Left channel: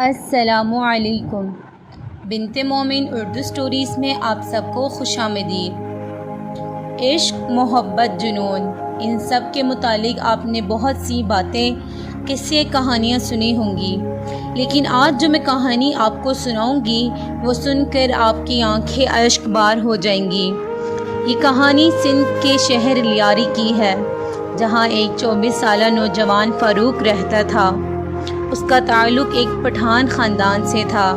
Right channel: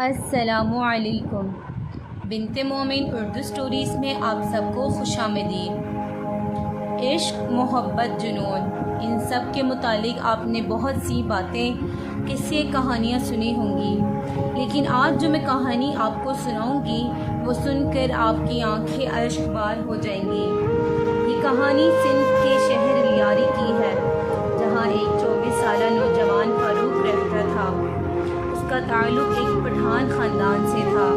السلام علیکم۔ بنت مومن اردو سٹوریز میں آپ سب کو خوش آمدید۔ عشق، محبت، جنون، ان سب کے متعلق آپ نے بہت سی باتیں، قصے، کہانیاں سنی ہوں گی، لیکن آج جو میں کہانی آپ کو سناؤں گی وہ سن کر آپ کی آنکھیں اشک بار ہو جائیں گی۔ یہ کہانی سندھ کے شہر لیاری کی ہے، جہاں ایک 24 سالہ نوجوان فاروق رہتا تھا۔ اس کا تعلق ایک پٹھان خاندان سے تھا۔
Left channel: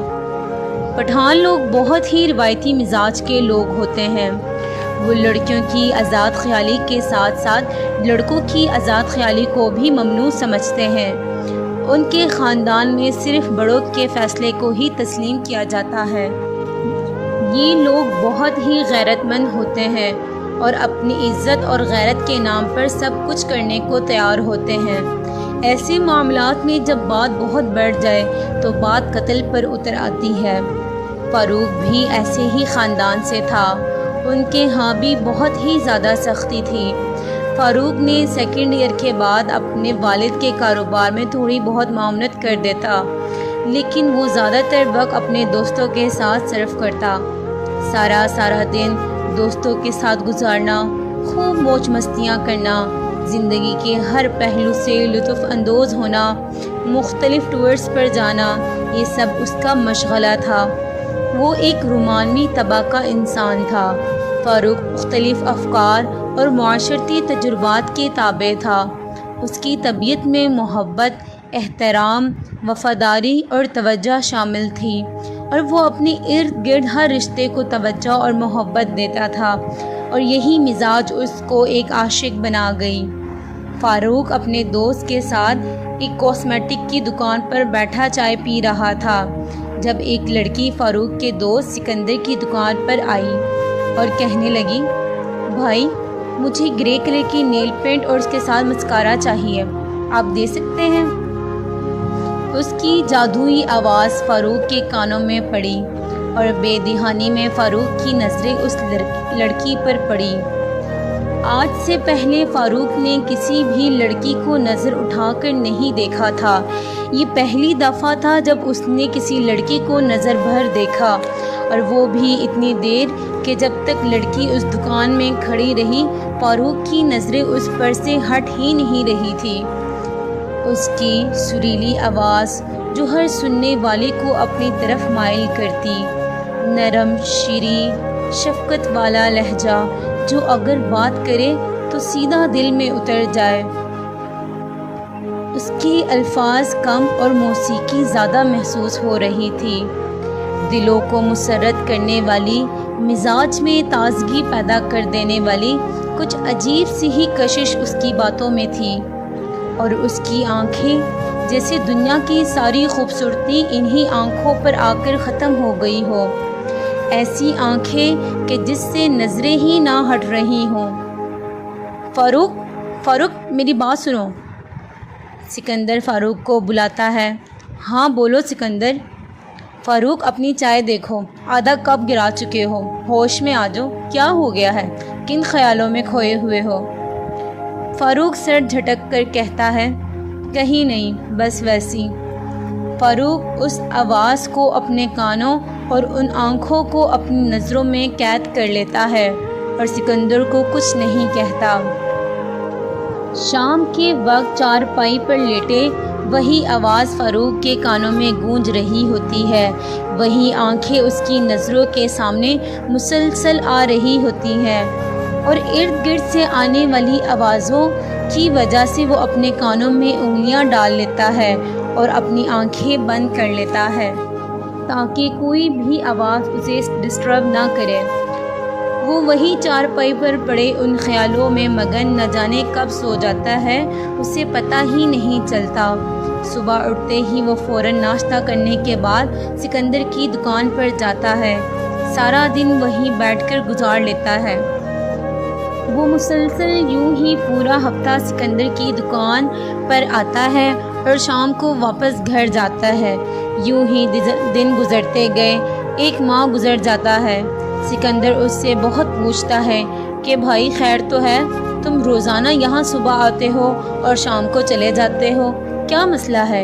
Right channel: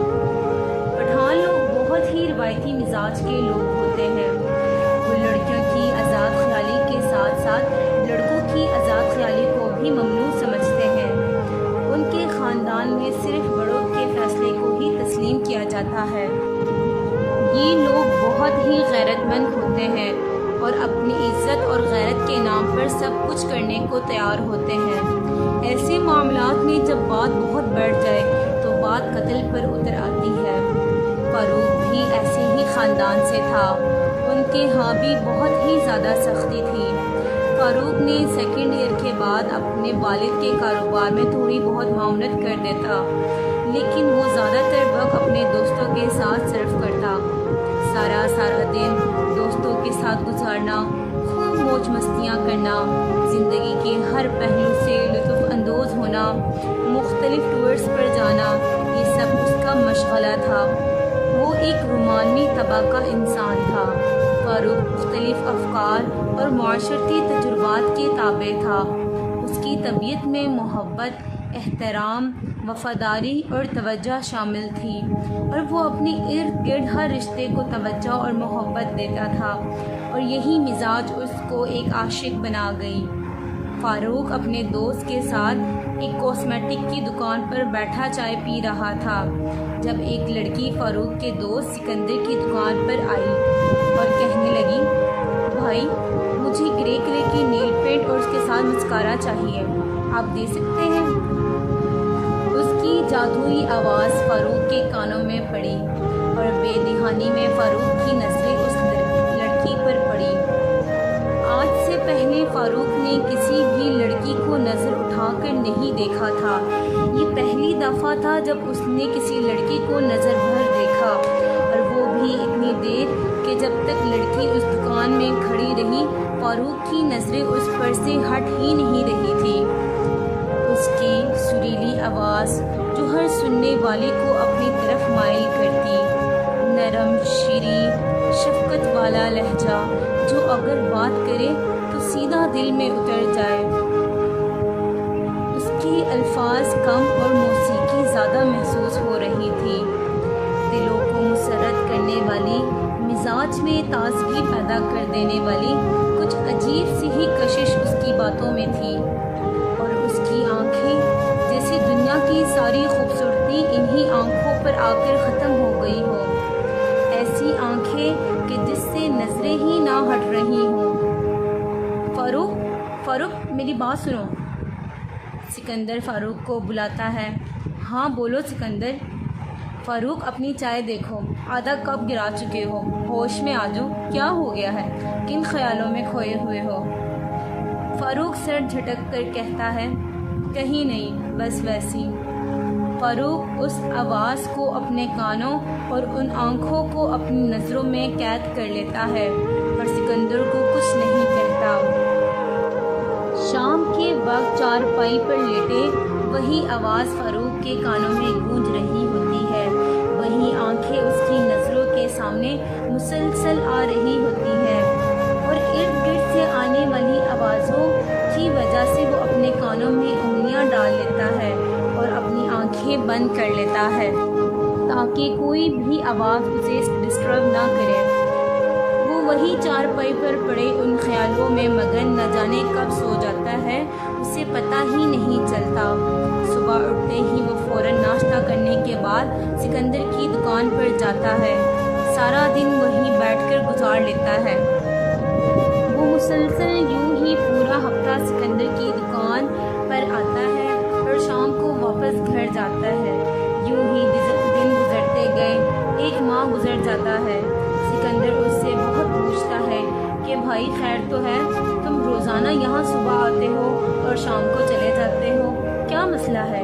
پٹھان لوگ بہت ہی روایتی مزاج کے لوگ ہوتے ہیں۔ وہ لڑکیوں کی آزاد خیالی کے ساتھ ساتھ لڑکوں کی آزاد خیالی کو بھی ممنوع سمجھتے ہیں۔ ان کے خاندان میں صرف بڑوں کے فیصلے کو ہی تسلیم کیا جاتا ہے۔ یہ لوگ بہت ہی غیرت مند ہوتے ہیں اور اپنی عزت اور غیرت کے نام پر سب کچھ کرنے کو تیار ہوتے ہیں۔ ایسے معاملات میں جب بات بہت بڑھ جائے تو بات قتل پر اتر آتی ہے۔ فاروق بھی ایسے ہی خاندان سے تھا۔ ان کے ہاں بھی بہت ہی زیادہ سختی تھی۔ فاروق نے سیکنڈ ایئر کے بعد اپنے والد کے کاروبار میں تھوڑی بہت معاونت کر دیتا، لیکن وہ زیادہ تر وقت اپنے دوستوں کے ساتھ صرف کرتا۔ سارا دن دوستوں کے ساتھ گزارنا، خوب موج مستیاں کرنا، زندگی کے ہر پہلو سے لطف اندوز ہونا، مختلف ٹورز پر جانا، یہ سب اس کا مشغلہ تھا۔ وہ ایک رومانوی طبع کا انسان تھا۔ فاروق مختلف افکار اور معاشرتی تجربات کے تابع تھا۔ اس کی طبیعت میں محبت، احترام، وفاداری اور توجہ شامل تھی، اور وہ اپنے ارد گرد ہر رشتے کو توجہ اور محبت دیتا تھا، اور یہی مزاج اس کو ایک عاشق بنا گئی۔ فاروق اپنے دوست کے ساتھ ایک کاسمیٹک کی دکان پر بیٹھا چائے پی رہا تھا، جب ایک لڑکی فاروق کے دوست سکندر کی دکان پر آئی اور کہنے لگی، بھائی مجھے گرے کلر کی نیل پینٹ اور اس کے ساتھ مسکارا چاہیے، آپ دے سکتے ہیں؟ اس کی جادوئی آواز فاروق کے کانوں میں پڑی، اور بے دہانی میں فاروق کی نظریں اس لڑکی پر پڑی۔ آج سے پہلے فاروق نے کسی بھی لڑکی کو نظر اٹھا کر نہیں دیکھا تھا۔ یہ پہلی دفعہ تھا جب اس نے کسی لڑکی کو نظر بھر دیکھا، اور وہ بھی اتنی دیر کہ جب تک لڑکی اس دکان میں کھڑی رہی فاروق کی نظریں اس پر سے ہٹ ہی نہیں رہی تھی۔ اس کی سریلی آواز جو ہر سننے والے کو اپنی طرف مائل کرتی، نرم، شیریں، شفقت والا لہجہ جو اگر بات کرے تو سیدھا دل میں اتر جائے۔ اس کے الفاظ کم اور موسیقی زیادہ محسوس ہو رہی تھی۔ دلوں کو مسرت کرنے والی، مزاج میں تازگی پیدا کر دینے والی کچھ عجیب سی ہی کشش اس کی باتوں میں تھی، اور اس کی آنکھیں جیسے دنیا کی ساری خوبصورتی انہی آنکھوں پر آ کر ختم ہو گئی ہو، ایسی آنکھیں کہ جس سے نظریں ہی نہ ہٹ رہی ہوں۔ فاروق میری بات سنو۔ سکندر فاروق کو بلاتا ہے۔ ہاں بولو سکندر۔ فاروق اپنی چائے دیکھو، آدھا کپ گرا چکے ہو، ہوش میں آ جاؤ، کیا ہو گیا ہے، کن خیالوں میں کھوئے ہوئے ہو؟ فاروق سر جھٹک کر کہتا ہے، کہیں نہیں، بس ویسی۔ فاروق اس آواز کو اپنے کانوں اور ان آنکھوں کو اپنی نظروں میں قید کر لیتا ہے، اور سکندر کو کچھ نہیں کہتا۔ شام کے وقت چارپائی پر لیٹے وہی آواز فاروق کے کانوں میں گونج رہی ہوتی ہے، وہی آنکھیں اس کی نظروں کے سامنے مسلسل آ رہی ہوتی ہیں، اور ارد گرد سے آنے والی آوازوں کی وجہ سے وہ اپنے کانوں میں انگلیاں ڈال لیتا ہے اور اپنی آنکھیں بند کر لیتا ہے تاکہ کوئی بھی آواز اسے ڈسٹرب نہ کرے۔ وہ وہی چارپائی پر پڑے ان خیالوں میں مگن، نہ جانے کب سو جاتا ہے، اسے پتہ ہی نہیں چلتا۔ صبح اٹھتے ہی وہ فوراً ناشتہ کرنے کے بعد سکندر کی دکان پر جاتا ہے، سارا دن وہیں بیٹھ کر گزار لیتا ہے۔ وہ مسلسل یوں ہی پورا ہفتہ سکندر کی دکان پر آتا ہے اور شام کو واپس گھر جاتا ہے۔ یوں ہی دن گزرتے گئے، ایک ماہ گزر جاتا ہے۔ سکندر اس سے بہت پوچھتا ہے کہ بھائی خیر تو ہے، تم روزانہ یہاں صبح آتے ہو اور شام کو چلے جاتے ہو، کیا مسئلہ ہے؟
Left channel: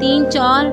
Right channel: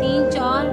3-4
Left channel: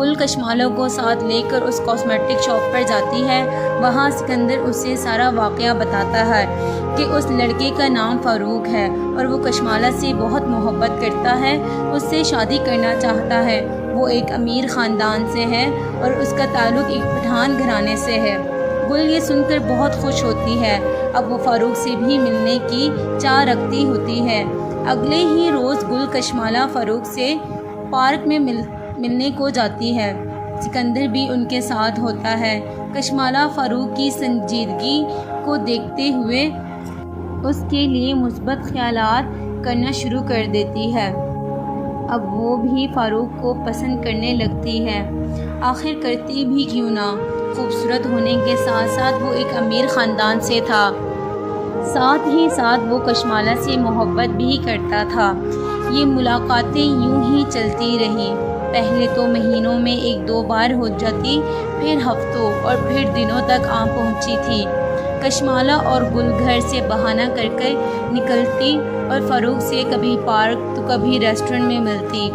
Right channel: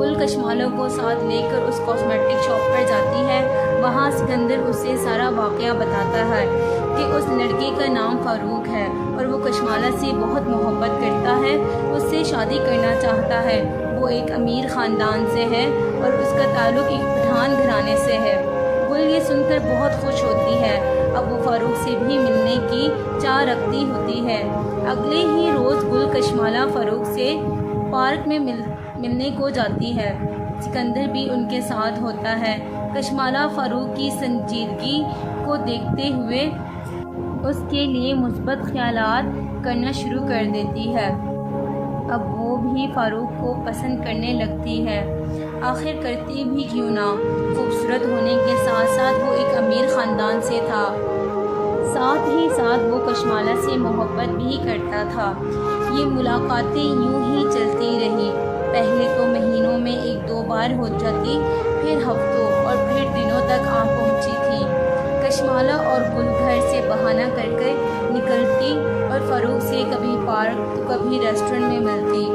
گل کشمالہ کو ساتھ لے کر اس کاسمیٹک شاپ پر جاتی ہے، وہاں سکندر اسے سارا واقعہ بتاتا ہے کہ اس لڑکے کا نام فاروق ہے اور وہ کشمالہ سے بہت محبت کرتا ہے، اس سے شادی کرنا چاہتا ہے۔ وہ ایک امیر خاندان سے ہے اور اس کا تعلق ایک پٹھان گھرانے سے ہے۔ گل یہ سن کر بہت خوش ہوتی ہے، اب وہ فاروق سے بھی ملنے کی چاہ رکھتی ہوتی ہے۔ اگلے ہی روز گل کشمالہ فاروق سے پارک میں ملنے کو جاتی ہے، سکندر بھی ان کے ساتھ ہوتا ہے۔ کشمالہ فاروق کی سنجیدگی کو دیکھتے ہوئے اس کے لیے مثبت خیالات کرنا شروع کر دیتی ہے، اب وہ بھی فاروق کو پسند کرنے لگتی ہے۔ آخر کرتی بھی کیوں نہ، خوبصورت ہونے کے ساتھ ساتھ وہ ایک امیر خاندان سے تھا، ساتھ ہی ساتھ وہ کشمالہ سے محبت بھی کرتا تھا۔ یہ ملاقاتیں یوں ہی چلتی رہیں، پہلے تو مہینوں میں 1-2 بار ہو جاتی، پھر ہفتوں اور پھر دنوں تک آ پہنچی تھی۔ کشمالہ اور گل گھر سے بہانہ کر کر نکلتی اور فاروق سے کبھی پارک تو کبھی ریسٹورنٹ میں ملتی۔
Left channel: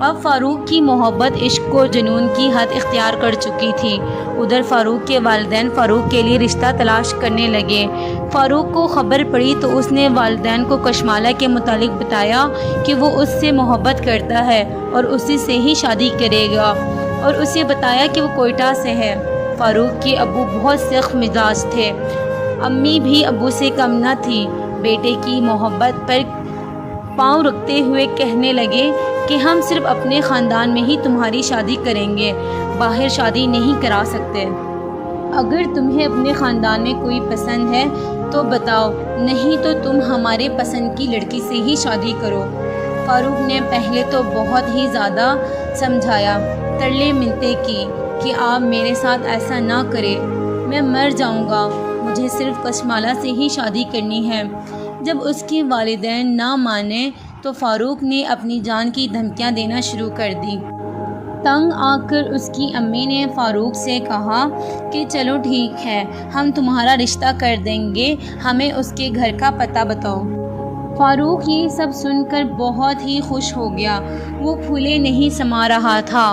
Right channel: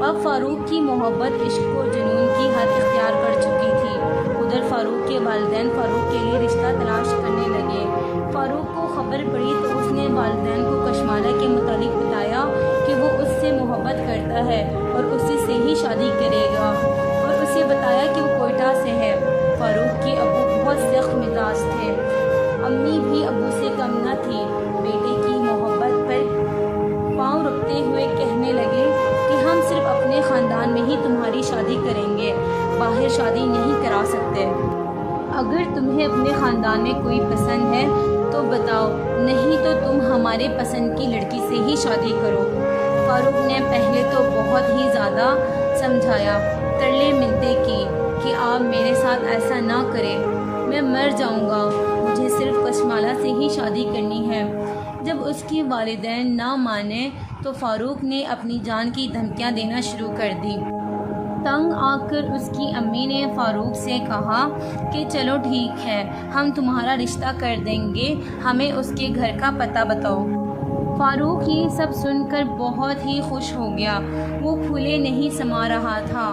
اب فاروق کی محبت عشق و جنون کی حد اختیار کر چکی تھی۔ ادھر فاروق کے والدین فاروق کے لیے رشتہ تلاش کرنے لگے۔ فاروق کو خبر پڑی تو اس نے والدین کو کشمالہ کے متعلق بتایا کہ وہ اس سے محبت کرتا ہے اور اسی سے ہی شادی کرے گا، اور اسے بتایا کہ وہ کوئٹہ سے ہے۔ فاروق کے ابو بہت سخت مزاج تھے، امی بھی ابو سے کم نہ تھی۔ بیٹے کی محبت پر پاؤں رکھتے ہوئے کہنے لگے کہ ہم صرف اپنے خاندان میں ہی تمہاری شادی کریں گے، باہر شادی نہیں کرا سکتے۔ اگر تمہیں اپنے خاندان میں کوئی پسند ہے تو بتاؤ، نہیں تو تم ہمارے پسند کی لڑکی سے ہی شادی کرو۔ فاروق نے پہلے تو بہت ہی زیادہ سمجھایا، ترلے ملتے کی کہ آپ میرے ساتھ ایسا نہ کریں، میں مر جاؤں گا، مجھے صرف کشمالہ سے ہی شادی کرنی ہے۔ جب اس کے والدین نہ مانے تو فاروق نے اپنی جان کی دھمکیاں دینا شروع کر دی۔ تنگ آ کر اس کی امی نے فاروق سے کہا کہ چلو ٹھیک ہے، ہم تمہارا رشتہ کر دیں گے، ہمیں اس کے گھر کا پتہ بتاؤ۔ فاروق یہ سب سن کر بہت ہی خوش ہو گیا، وہ پھولے نہیں سما رہا تھا۔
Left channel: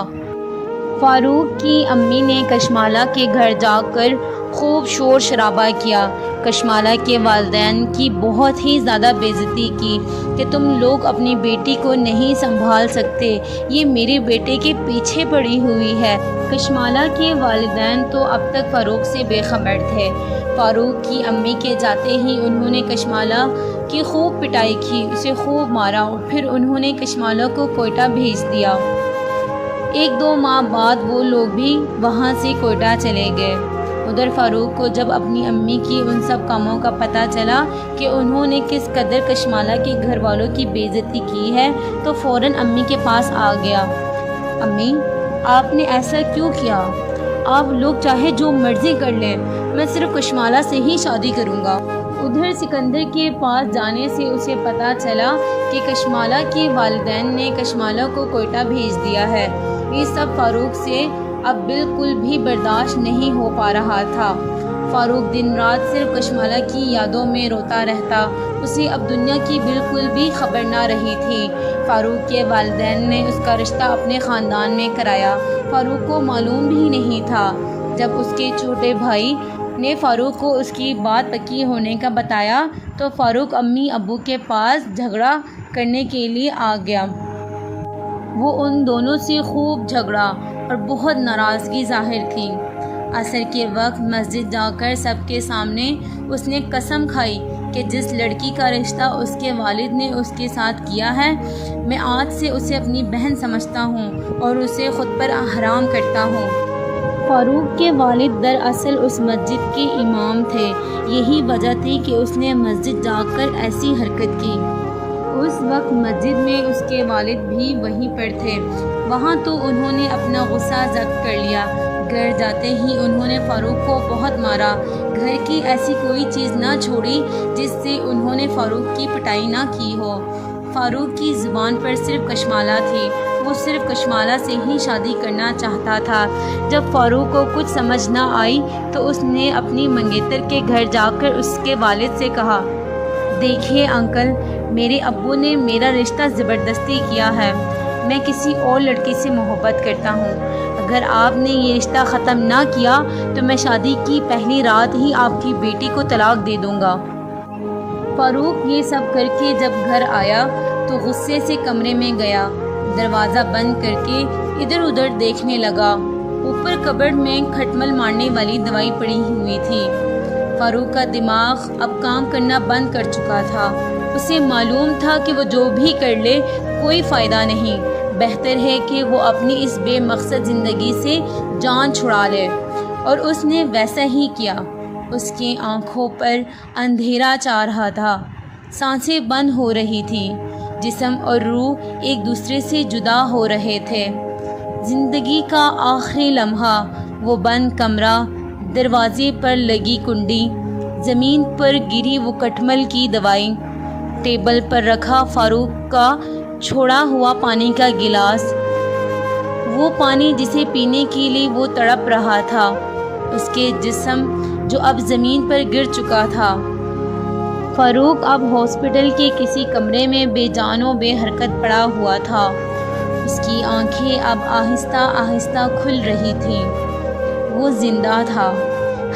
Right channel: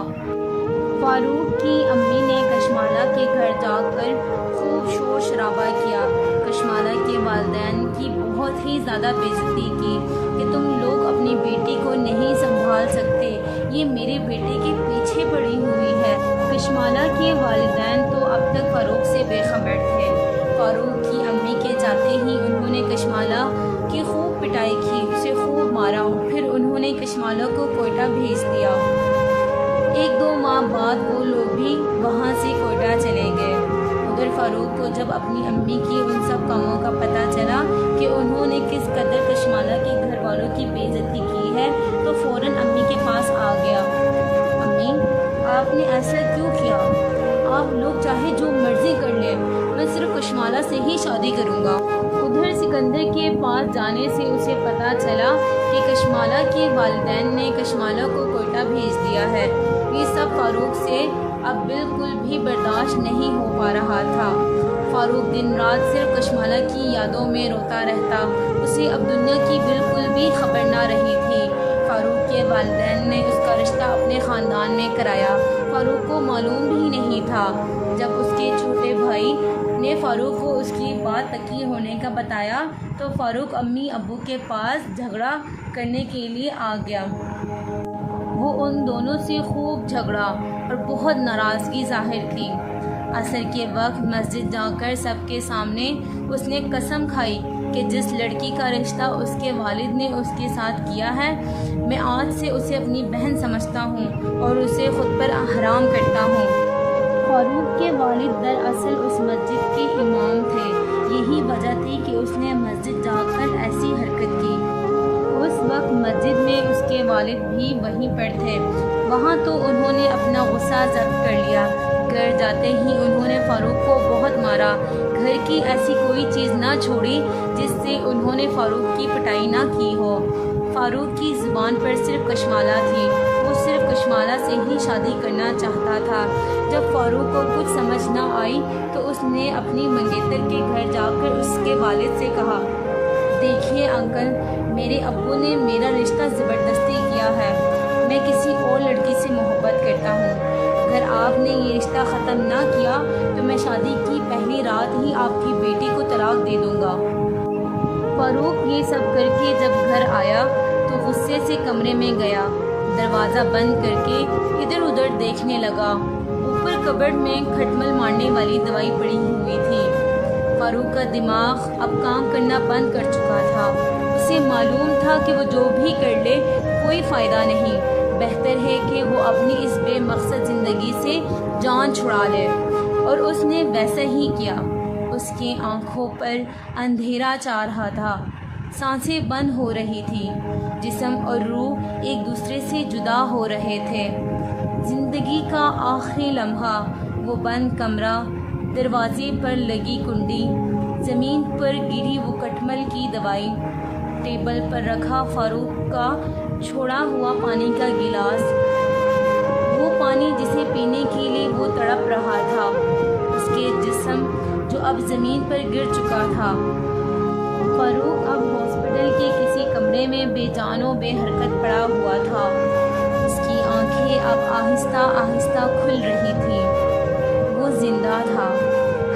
فاروق کی امی نے کشمالہ کے گھر جا کر خوب شور شرابہ کیا، کشمالہ کے والدین کی بہت ہی زیادہ بے عزتی کی کہ تم لوگ اپنی بیٹی کو نہیں سنبھال سکتے، یہ میرے بیٹے کے پیچھے پڑی ہوئی ہے۔ کشمالہ کے والدین تو اب تک فاروق سے بے خبر تھے۔ فاروق کی امی کے جاتے ہی انہوں نے کشمالہ کی خوب پٹائی کی، اسے خوب مارا اور پھر انہوں نے کشمالہ کو کوئٹہ بھیج دیا۔ 1-2 ماہ بعد وہ لوگ بھی وہاں سے کوئٹہ چلے گئے۔ ادھر فاروق کو جب اپنی امی کی ان سب کاموں کا پتہ چلا کہ انہوں نے کس قدر کشمالہ کے گھر والوں کی بے عزتی کی ہے تو فوراً امی کے پاس آ گیا۔ امی، آپ نے ایسا کیوں کیا؟ آپ لوگ چاہے جو مرضی کر لیں، میں صرف کشمالہ سے ہی شادی کروں گا۔ ادھر سکندر کے پاس جانے سے اسے پتہ چلا کہ کشمالہ کے والدین نے کشمالہ کو کوئٹہ بھیج دیا ہے۔ یہ سب فاروق سے اب بالکل بھی برداشت نہیں ہو پا رہا تھا۔ فاروق دن رات صرف کشمالہ کی یادوں میں روتا رہتا، اسے اب دنیا کی بالکل بھی خبر نہ رہی تھی۔ فاروق کے والدین نے اس کا رشتہ اپنے خاندان میں کرایا، فاروق کو معلوم بھی نہیں تھا۔ جب اس کے چھوٹے بھائی نے فاروق کو اس کی بات پکی ہونے کا بتایا تو فاروق امی ابو کے پاس جھگڑا کرنے کے لیے آ گیا۔ وہ ان دونوں سے خوب جھگڑا اور بہت ناراضگی ظاہر کی۔ عصر کے وقت مسجد جا کر سب کے سامنے اس نے قسم کھائی کہ جس لڑکی کا رشتہ اس کے والد نے اس کے ساتھ کیا ہے، میں آج سے اسے اپنی بہن سمجھتا ہوں اور اسے خود پر حرام کرتا ہوں۔ فاروق کے والد دراصل اس مسجد کے امام تھے، یہی وجہ تھی کہ اس نے مسجد جا کر ایسی حرکت کی۔ اس وقت مسجد میں اس کے والد بھی وہیں پر تھے، وہاں تو انہوں نے اپنا غصہ ضبط کر لیا۔ گھر جاتے ہی انہوں نے فاروق کو بہت مارا، گھر کی ایسی کوئی چیز نہ چھوڑی جس سے انہوں نے فاروق کی پٹائی نہ کی ہو۔ فاروق کی زبان پر صرف کشمالہ تھی، وہ صرف کشمالہ سے ہی شادی کرنا چاہتا تھا۔ جب فاروق کو کچھ سمجھ نہ آئی تو اس نے اپنی منگیتر کے گھر جا کر اس کے والد سے کہا، دیکھیے انکل، میرے ابو نے میرا رشتہ زبردستی کیا ہے، میں کسی اور لڑکی سے محبت کرتا ہوں۔ اگر آپ نے یہ رشتہ ختم نہ کیا تو میں شادی کی پہلی رات ہی آپ کی بیٹی کو طلاق دے دوں گا۔ فاروق یہ سب کر کے جب گھر آیا تو غصے سے کمرے میں گیا، دروازہ بند کر کے ادھر ادھر دیکھنے لگا۔ اوپر کبرڈ میں کھٹمل مارنے والی دوائی پڑی ہوئی تھی۔ فاروق کا دماغ اب کام کرنا بند کر چکا تھا۔ اسے معلوم تھا کہ وہ جو بھی کر لے کوئی فائدہ نہیں، بہتر ہے کہ وہ اپنی اس بے مقصد زندگی سے جان چھڑا لے، اور اس نے ویسا ہی کیا۔ اس کی آنکھوں پر اندھیرا چھا رہا تھا، سانسیں بند ہو رہی تھی، جسم اور روح ایک دوسرے سے جدا ہو رہے تھے۔ زندگی کا آخری لمحہ، وہ بند کمرہ، دروازے پر لگی کنڈی، زمین پر گری وہ کٹمل کی دوائی، ٹیبل پر رکھا فاروق کا چھوڑا ہوا پانی کا گلاس، وہ پانی جسے پینے کے لیے وہ تڑپ رہا تھا، اس کے جسم جو اب زمین پر گر چکا تھا۔ فاروق اب ہاسپٹل کے کسی کمرے میں بے جان و بے حرکت پڑا ہوا تھا۔ اس کی آنکھیں اب آہستہ آہستہ کھل رہی تھیں۔ وہ زندہ تھا۔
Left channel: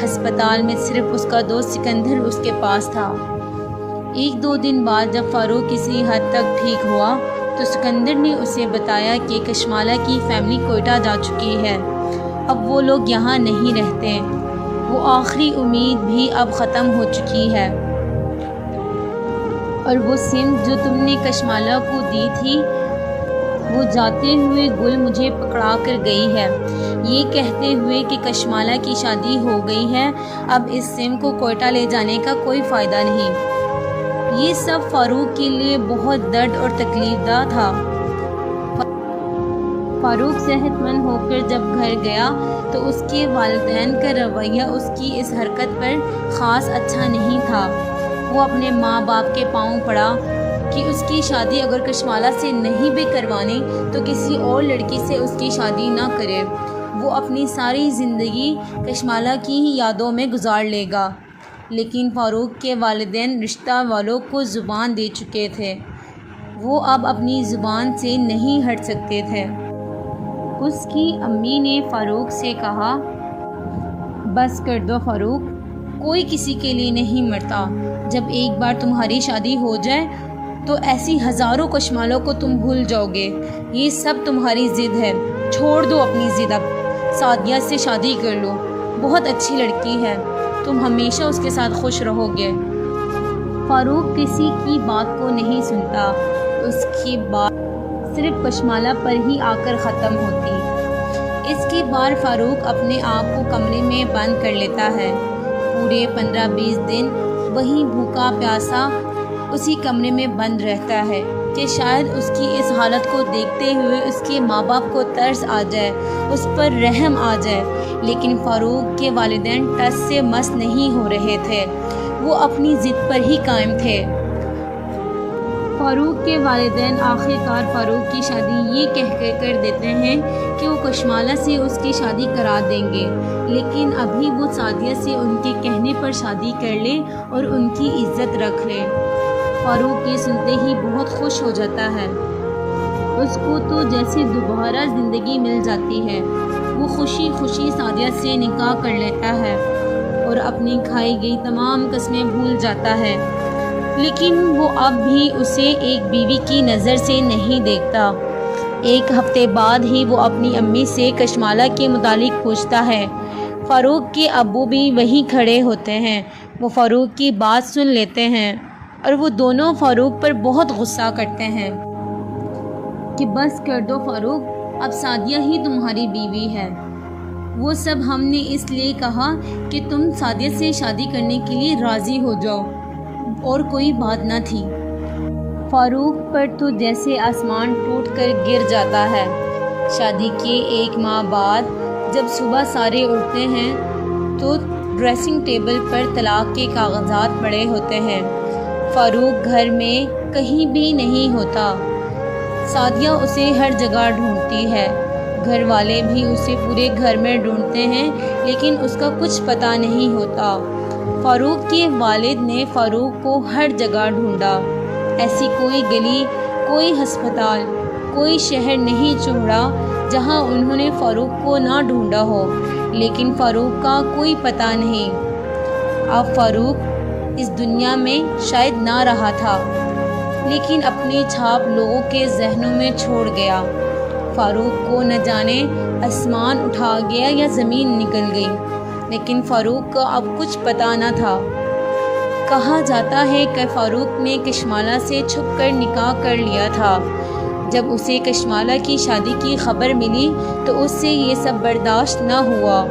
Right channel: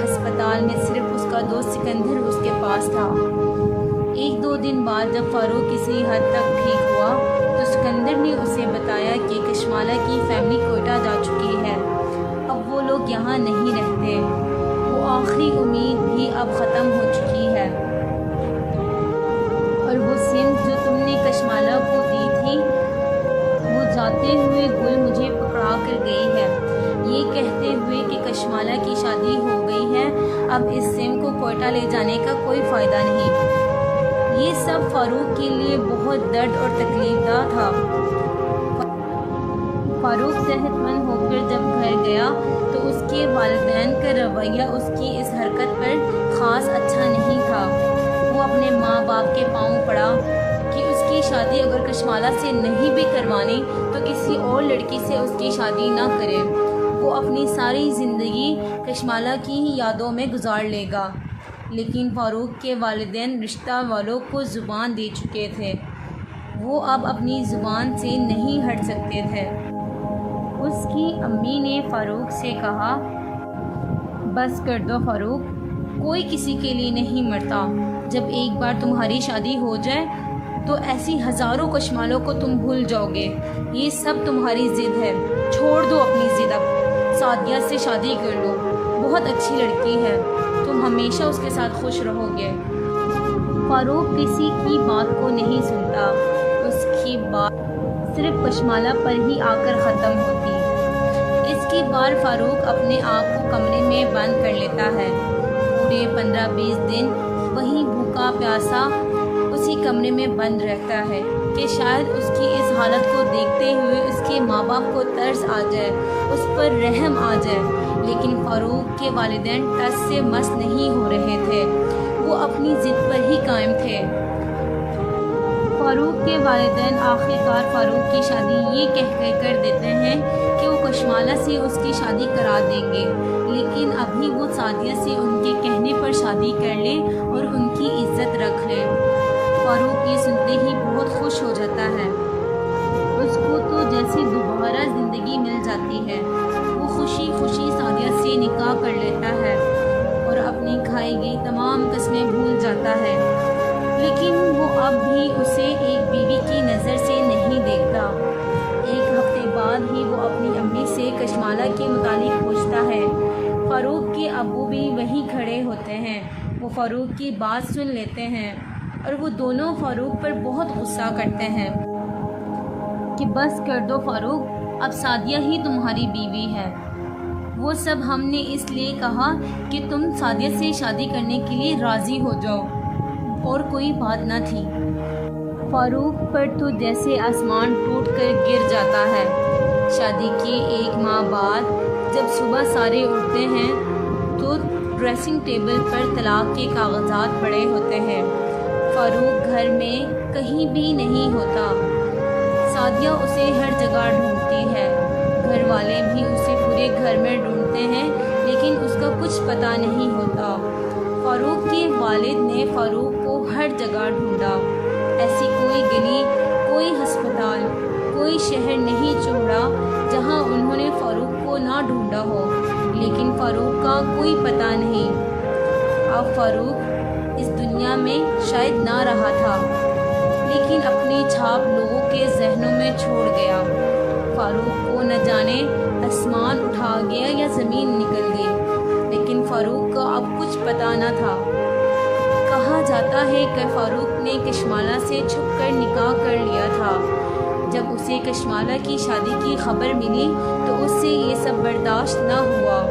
ہسپتال میں صرف اس کا دوست سکندر اس کے پاس تھا۔ ایک دو دن بعد جب فاروق کسی حد تک ٹھیک ہوا تو سکندر نے اسے بتایا کہ کشمالہ کی فیملی کوئٹہ جا چکی ہے، اب وہ لوگ یہاں نہیں رہتے، وہ آخری امید بھی اب ختم ہو چکی ہے، اور وہ سمت جو تم نے کشمالہ کو دی تھی وہ جاتے ہوئے گل مجھے پکڑا کر گئی ہے، یہ کہتے ہوئے کہ کشمالہ کی شادی ہو گئی ہے، اب اس سم کو کوئٹہ لے جانے کا کوئی فائدہ نہیں۔ یہ سب فاروق کے لیے بہت درد اور تکلیف دہ تھا۔ فاروق صحت مند ہو کر جب گھر گیا تو اس کے والدین کا رویہ اس کی اس حرکت پر خاص اچھا نہیں تھا۔ وہ اپنے ماں باپ کے پاؤں پڑا کہ اس کی شادی اگر کشمالہ سے نہیں بھی کروانی تو کسی اور لڑکی سے اس کی شادی نہ کرے، وہ اپنی ساری زندگی کشمالہ کی ہی یادوں میں گزار لے گا۔ لیکن فاروق کے والدین رشتہ والوں کو زبان دے چکے تھے، وہ اب اپنی زبان سے نہیں ہٹ سکتے تھے۔ اس کی امی نے فاروق سے کہا، بس کر دو فاروق، کوئی کسی کے لیے نہیں مرتا، جب ایک بار تمہاری شادی ہو جائے تو ایسی ہزاروں کشمالوں کو تم بھول جاؤ گے، یہ سب تمہاری ضد ہے، چھوڑ دو اپنی ضد، اب سعدیہ سے شادی کر لو، بہت اچھی لڑکی ہے، تم ہمیشہ اس کے ساتھ خوش رہو گے۔ فاروق کسی کی بات کو نہیں سنتا، اس کی بات صرف کشمالہ پر ہی آ کر ختم ہوتی۔ اس کی بار فاروق اپنے آپ کو کمرے میں بند کر لیتا ہے، پورے 15-20 دن وہیں بھوکا پیاسا اسی کمرے میں بند رہتا ہے کہ شاید اس کی اس حالت کو دیکھتے ہوئے اس کے ماں باپ کو ترس آ جائے، اس پر رحم آ جائے، لیکن فاروق کے والدین ٹس سے مس نہیں ہو رہے تھے، وہ اپنی ضد پر ہی قائم تھے۔ فاروق کے والدین آخر کار فاروق کی شادی یہ کہہ کر دیتے ہیں کہ وہ کشمالہ سے اس کی شادی کرا دیں گے، لیکن ابھی وہ سعدیہ سے ان کے کہنے پر شادی کر لے اور ان کی عزت رکھ لے۔ فاروق یہ سنتے ہی بہت خوش ہو جاتا ہے، اس کو تو جیسے دوبارہ زندگی مل جاتی ہے۔ وہ خوشی خوشی سعدیہ سے نکاح کر لیتا ہے اور اپنی کھائی گئی تمام قسمیں بھول جاتا ہے، لیکن وہ اب بھی اسے ایک بیوی کی نظر سے نہیں دیکھتا۔ ایک ہفتے بعد ہی وہ اپنی امی سے کشمالہ کے متعلق پوچھتا ہے۔ فاروق کے ابو بھی وہیں کھڑے ہوتے ہیں، وہ فاروق کی بات سن لیتے ہیں اور وہ دونوں فاروق پر بہت غصہ کرتے ہیں کہ بس کر دو فاروق، اب سعدیہ ہی تمہاری بیوی ہے، وہ سب ہم نے اس لیے کہا کہ تم سعدیہ سے شادی کرنے کے لیے راضی ہو جاؤ، اور کوئی بات نہ تھی۔ فاروق پر تو جیسے آسمان ٹوٹ کر گر جاتا ہے۔ شادی کے 1 ماہ بعد جب صبح سارے اٹھتے ہیں تو ڈریسنگ ٹیبل پر طلاق کے کاغذات پڑے ہوتے ہیں۔ فاروق گھر میں کہیں بھی نہیں ہوتا، سعدیہ اسے ہر جگہ ڈھونڈتی ہے، گھر والے بھی اسے پورے گھر میں ڈھونڈتے ہیں، لیکن اس کا کچھ پتہ نہیں ہوتا۔ فاروق کے والد نے فاروق کو ہر جگہ ڈھونڈا، ایسی کوئی گلی، کوئی ہسپتال، کوئی شہر نہیں چھوڑا جہاں انہوں نے فاروق کو نہ ڈھونڈا ہو، لیکن فاروق کا کوئی پتہ نہیں۔ اب فاروق اس دنیا میں شاید نہ رہا تھا، لیکن اپنی چھاپ لوگوں کے ذہنوں میں چھوڑ گیا۔ فاروق کو نہ جانے آسمان اٹھا گیا یا زمین نکل گئی، لیکن فاروق کا اب کچھ پتہ نہ تھا۔ کہا جاتا ہے کہ فاروق نے کشمالہ سے چھپ کر نکاح کر لیا تھا۔ جب اسے کشمالہ کی شادی کی خبر ملی تو اس سے یہ سب برداشت نہ ہوا،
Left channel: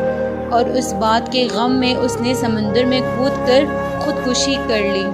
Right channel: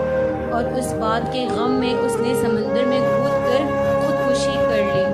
اور اس بات کے غم میں اس نے سمندر میں کود کر خودکشی کر لی۔